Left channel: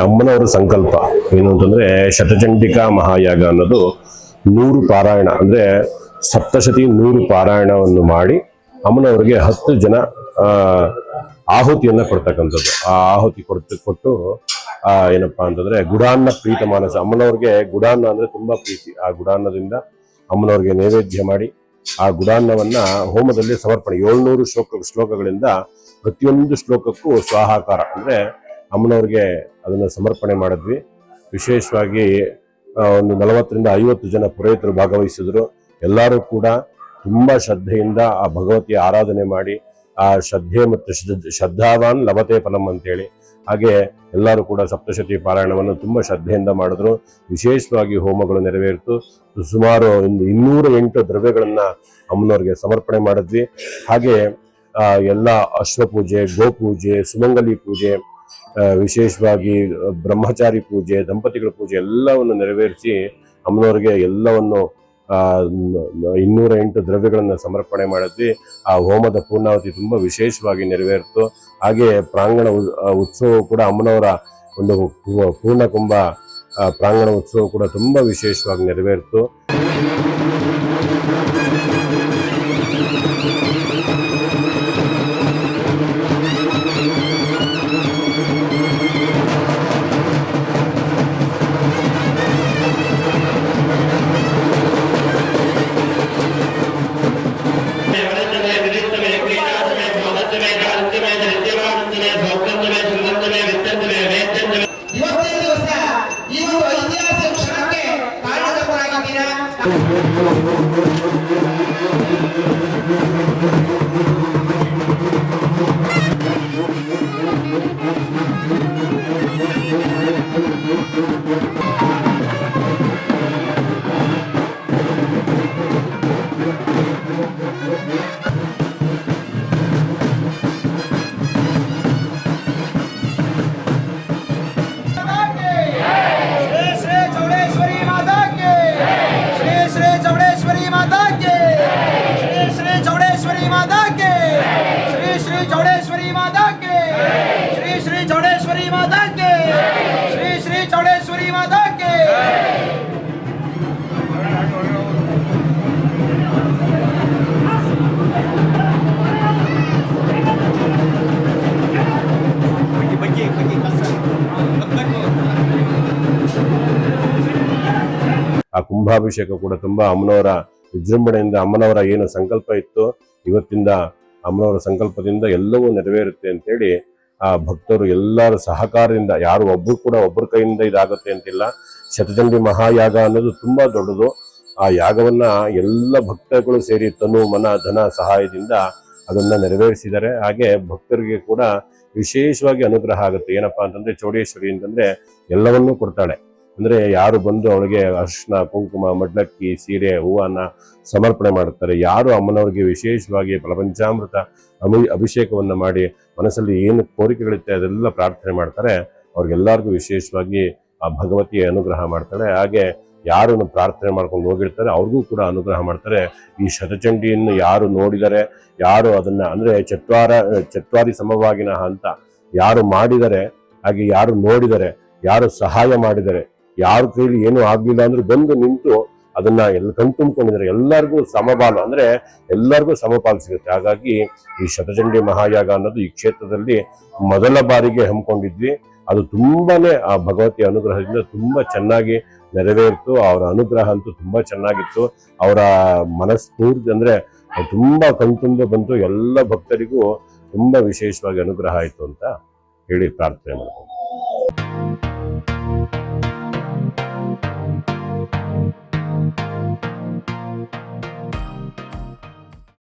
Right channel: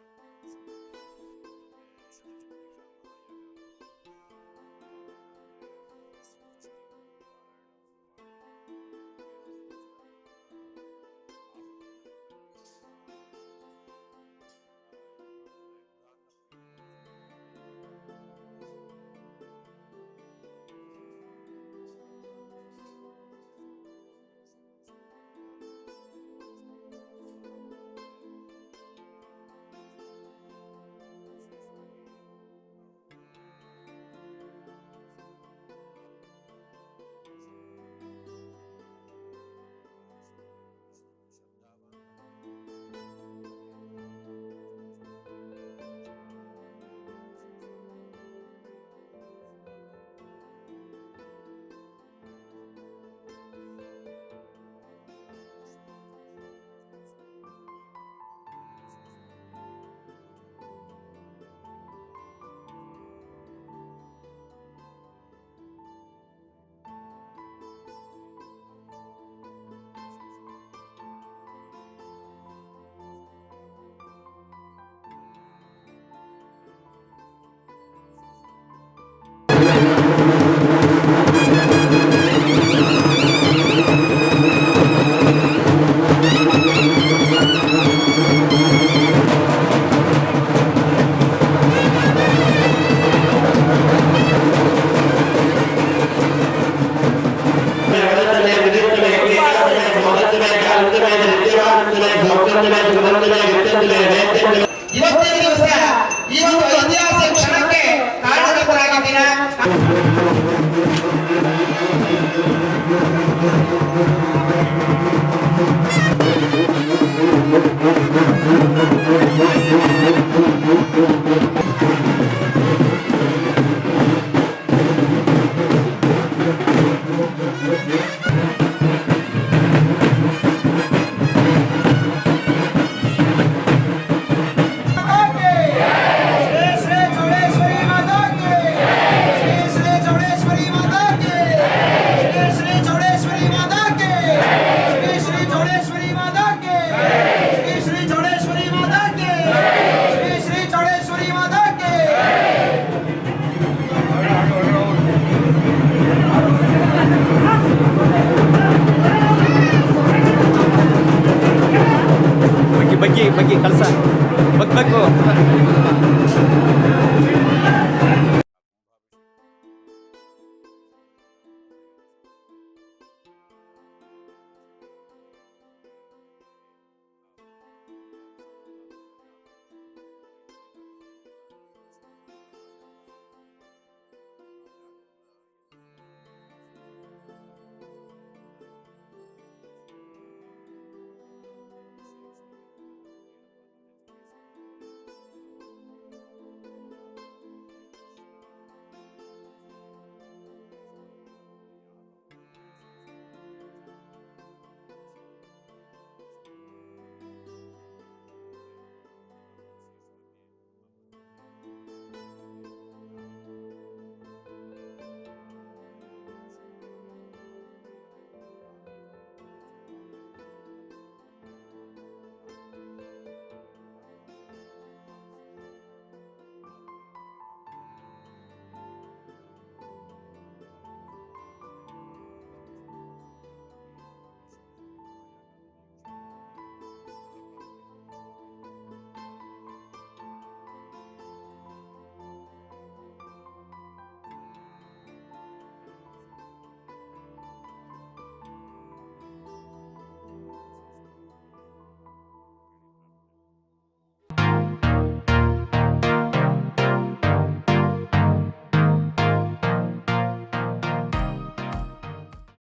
ಅಮ್ಮನವರ ಸಂಕಲ್ಪ. ಏನು ಅಂತಂದ್ರೆ ಶತಚಂಡಿಕಾ ಮಹಾಯಾಗ ಅನ್ನೋದು ನೂರು ಪಾರಾಯಣ, ಅಂದ್ರೆ ಸಪ್ತಶತಿ ನೂರು ಪಾರಾಯಣವನ್ನು ಮಾಡಿ ಅಮ್ಮನವರಿಗೆ ಹತ್ತು ಜನ ಆಹುತಿಯನ್ನ ಕೊಡ್ತಕ್ಕಂಥದ್ದು. ಆ ಆಹುತಿ ಕೊಡ್ತು, ಕೊಟ್ಟು, ಆ, ಏನಪ್ಪಾ ಅಂತಂದ್ರೆ ಗುಡಾನ್ನ ಪ್ರೀತ ಮಾನಸ ಅಮ್ಮನವ್ರಿಗೆ ಗುಡಾನ್ನ ಅಂದ್ರೆ ತುಂಬಾ ಪ್ರೀತಿ. ಆ ಗುಡಾನ್ನದಿಂದ ಅಮ್ಮನವ್ರಿಗೆ ನೈವೇದ್ಯ ಮಾಡಿ, ಆ ಗುಡಾನ್ನವನ್ನ ಹೋಮದಲ್ಲಿ ಸಮರ್ಪಣೆ. ಏಳ್ನೂರು ಶ್ಲೋಕ, ಶ್ಲೋಕಗಳಿಂದ ಪ್ರತಿಯೊಂದು ಶ್ಲೋಕಕ್ಕೂ ಸ್ವಾಹಾಕಾರ. ಅಂದ್ರೆ ಅಮ್ಮನವ್ರಿಗೆ ಅದನ್ನು ಸಮರ್ಪಣೆ ಮಾಡಿದ್ವಿ. ವಿಶೇಷವಾಗಿ ಒಂದು ನಲವತ್ತರಿಂದ ಐವತ್ತು ಜನ ಪುರೋಹಿತರು ಭಾಗವಹಿಸಿದ್ರು. ಎಲ್ಲರೂ ಕೂಡ ತುಂಬಾ ಶ್ರದ್ಧೆಯಿಂದ ಆ ಭಗವತಿಯ ಆರಾಧನೆ ಮಾಡಿ, ಆ ಶ್ರದ್ಧೆ ಮತ್ತು ಶ್ರದ್ಧ- ಶ್ರದ್ಧಾವಾನ್ ಲಭತೆ ಫಲಂ ಅಂತೇಳಿ. ಹಾಗೆ ಎಲ್ಲರೂ ಕೂಡ ಸಪ್ತಶತಿ ಪಾರಾಯಣವನ್ನು ತುಂಬ ಶ್ರದ್ಧೆಯಿಂದ ಮಾಡಿದ್ರು. ವಿಶೇಷವಾಗಿ ಹೋಮಗಳು ನೆರವೇರಿತು. ಸುಮಾರು ಒಂದು ಇನ್ನೂರ ಎಂಟು ದ್ರವ್ಯಗಳನ್ನು ಅಮ್ಮನವ್ರಿಗೆ ಸಮರ್ಪಣೆ ಮಾಡಿದ್ವಿ. ಹಾಗೆ ಎಲ್ಲ ಅಶ್ವಪೂಜೆ, ಗೋಪೂಜೆ, ಸುಮಂಗಲಿ ಪೂಜೆ ವಿಶೇಷವಾಗಿ ಬ್ರಹ್ಮಚಾರಿ ಪೂಜೆ, ದಂಪತಿಗಳ ಪೂಜೆ ಎಲ್ಲವನ್ನು ನೆರವೇರಿಸಿ ಅಮ್ಮನವರಿಗೆ ಎಲ್ಲವನ್ನು ಇನ್ನೂರ ಎಂಟು ದ್ರವ್ಯಗಳನ್ನು ಸಮರ್ಪಣೆ ಮಾಡಿದ್ವಿ. ಆ ಹೋಮದ ಪೂರ್ಣಾವತಿ ತುಂಬ ವಿಶೇಷವಾಗಿ ನೆರವೇರಿತು. ಹಾಗೆ ಪ್ರಾಂಗಣ ಉತ್ಸವ ಕೂಡ ಅಮ್ಮನವರ ಒಂದು ಪೂರ್ಣ ಕುಂಭ ಪ್ರಾಂಗಣ ಉತ್ಸವ ಕೂಡ ತುಂಬ ವಿಶೇಷವಾಗಿ ನೆರವೇರಿತು. ಇವತ್ತಿನ ದಿವಸ ಈ ಒಂದು ಐತಿಹಾಸಿಕ ಕ್ಷಣಕ್ಕೆ ಕಾರಣಕರ್ತರಾಗಿದ್ದೀರಾ श्री ಕೆಲಸ ಆ ಕುಂಭಾಭಿಷೇಕ ಕೂಡ ತುಂಬಾ ಅಮ್ಮನವರ ವಿಜೃಂಭಣೆಯಿಂದ ಅಮ್ಮನವರ ಏನು ಸಂಕಲ್ಪ ಇತ್ತು ಇವತ್ತಿಂದ ಅಮ್ಮನವರ ಸಂಕಲ್ಪದಿಂದ ಎಲ್ಲವೂ ನೆರವೇರುತ್ತೆ ಅಂತೇಳಿ ಆ ಭಕ್ತರು ಎಲ್ಲರ ಸಹಕಾರದಿಂದ, ಯಾರು ಒಬ್ರು ಕೂಡ ಒಬ್ಬರ ಕೈಯಿಂದ ಇದಾಗುತ್ತೆ ಅಂತಿಲ್ಲ. ಶತಚಂಡಿ ಮಹಾಯಾಗ ಅನ್ನೋದು ತುಂಬಾ ದೊಡ್ಡದು. ಆ ಯಾಗವನ್ನ ಎಲ್ಲ ಭಕ್ತಗಳು ಸೇರಿ ತನು, ಮನ, ಧನ, ಸಹಾಯದಿಂದ ಅದನ್ನ ನೆರವೇರಿಸಿದ್ದಾರೆ. ಹಾಗೆ ಭಕ್ತರಿಗೆ ಕೂಡ ವಿಶೇಷವಾಗಿ ಅನುಗ್ರಹ ಆಗುತ್ತೆ. ಏನಪ್ಪಾ ಅಂತಂದ್ರೆ ಚೌಡೇಶ್ವರಿ ಅಂತಂದ್ರೆ ಎಲ್ಲವನ್ನೂ ಕೊಡ್ತಾಳೆ. ಅಂದ್ರೆ ಯಾರು ಬಂದು ಅವಳಿಗೆ ಅರ್ಶನ ಕುಂಕುಮ ಮಡ್ಲಕ್ಕಿ ಸೀರೆ, ಹೂವನ್ನ ಸಮರ್ಪಣೆ ಮಾಡುತ್ತಾರೆ. ಯಾರು ಅಮ್ಮನವ್ರಿಗೆ ವಿಶೇಷವಾಗಿ ಪ್ರಪಂಚಾಮೃತ ಅಮಿ ಅಭಿಷೇಕವನ್ನ ಮಾಡಿ ಮನಸ್ಸಲ್ಲಿ ಏನು ಕೋರಿಕೆಗಳಿರುತ್ತೆ ಅದೆಲ್ಲ ಪ್ರಾರ್ಥನೆ ಮಾಡ್ತಾರೆ. ಅವ್ರಿಗೆಲ್ಲರಿಗೂ ವಿಶೇಷವಾಗಿ ಆ ಭಗವತಿಯ ಅನುಗ್ರಹ ಮಾಡ್ತಾಳೆ. ಹಾಗೆ ಯಾರು ಪ್ರಾರ್ಥನೆ ಮಾಡ್ಕೊಂಡು ಹೋಗಿರ್ತಾರೆ, ಅವ್ರಿಗೂ ಕೂಡ ಅನುಗ್ರಹ ಮಾಡ್ತಾರೆ. ಈ ಶತಚಂಡಿಯನ್ನು ಯಾರು ನೋಡಿದರೆ, ಯಾರು ಅದನ್ನ ಅಂದ್ರೆ ಚತ್ವಾರ, ಚತ್ವಾರಿ ಸಮವಾಗಿನ ಅಂತ ಯಾರು ಮಾಡಿದರೆ, ಹಾಗೆ ಯಾರು ನೋಡಿದರೆ, ಯಾರು ಸಹಾಯ ಮಾಡಿದರೆ, ಯಾರು ಕೈಲಿ ಏನು ಆಗ್ಲಿಲ್ಲ ಅಂದ್ರೆ ಬಂದು ನಿಂತು ಅದನ್ನ ಎಲ್ಲ ಕಣ್ತುಂಬ್ಕೊಂಡಿದ್ದಾರೆ ಎಲ್ಲರಿಗೂ ಸಮಬಾಲು ಅಂದ್ರೆ ಎಲ್ಲರಿಗೂ ಸಮಪಾಲು ಸಿಗುತ್ತೆ. ಹಾಗಾಗಿ ಈ ಶತಚಂಡಿ ಮಹಾಯಾಗ ಅನ್ನೋದು ಈ ಕ್ಷೇತ್ರದಲ್ಲಿ ಮೊದಲ ಬಾರಿಗೆ ಹಮ್ಮಿಕೊಂಡಿದ್ವಿ. ಅದು ತುಂಬಾನೇ ಆ ಭಗವತಿಯ ಅನುಗ್ರಹದಿಂದ ತುಂಬಾ ಚೆನ್ನಾಗಿ ನೆರವೇರಿತು, ಅವರ ಅನುಗ್ರಹ ಅಂತೂ ತುಂಬಾ ಚೆನ್ನಾಗಿತ್ತು. ಅವರ ಮನಸ್ಫೂರ್ತಿ ಅಂದ್ರೆ ತುಂಬಾ ಕಣ್ತುಂಬ ಬಂತು. ಎಲ್ಲ ಭಕ್ತರಿಗೂ ತುಂಬಾ ವಿಶೇಷವಾಗಿ ಅನುಗ್ರಹ ಆಯಿತು ಅಂತ ಹೇಳಿ ಪ್ರಾರ್ಥನೆ ಮಾಡ್ತೀನಿ